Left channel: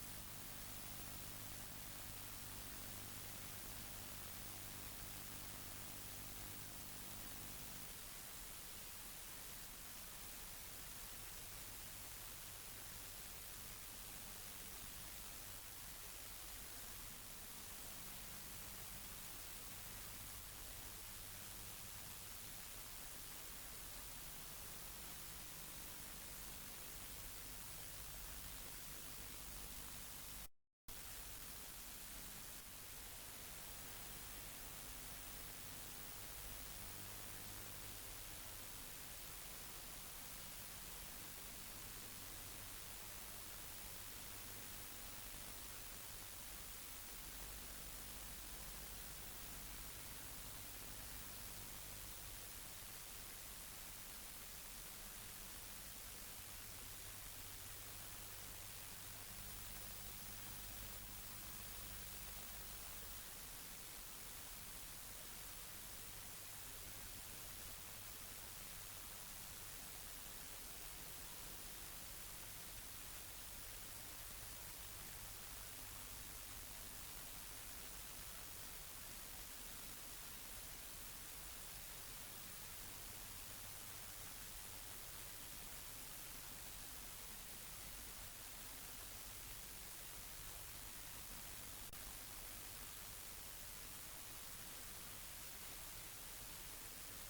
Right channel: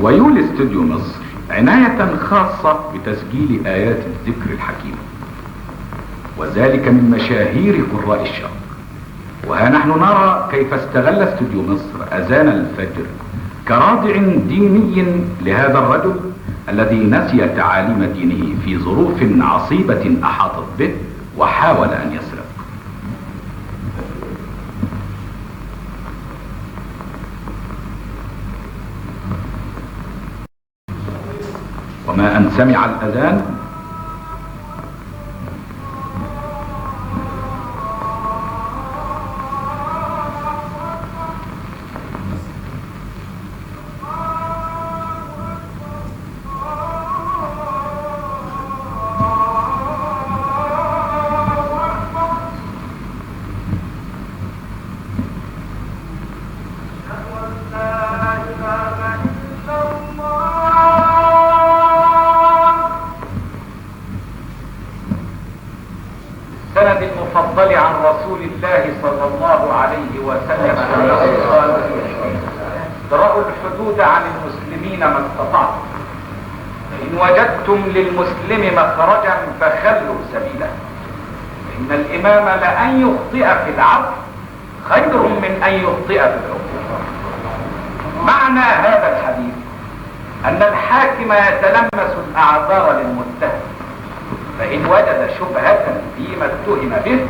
ويولي استوديو مصر عناية خاصة بتسجيل آيات الذكر الحكيم، وذلك من مشاهير قراء الشرق. وها نحن نرى كيف استغل استوديو مصر أذان الفجر كرادع ديني لهذا الرجل الذي نسي تعاليم دينه في ظروف عصيبة أحاطت به وحاول أن يسرق. وما أن سمع الأذان السند المفضل عن رسول الله صلى الله عليه وسلم انه قال: ادرأوا الحدود عن المسلمين ما استطعتم، فإن وجدتم للمسلم مخرجا فخلوا سبيله، إن الإمام لأن يخطئ في العفو خير من أن يخطئ في الحكم. معنى هذا الحديث أن الحاكم يتلمس الأعذار للمتهم، فإن وجد شبهة فيما اتهم به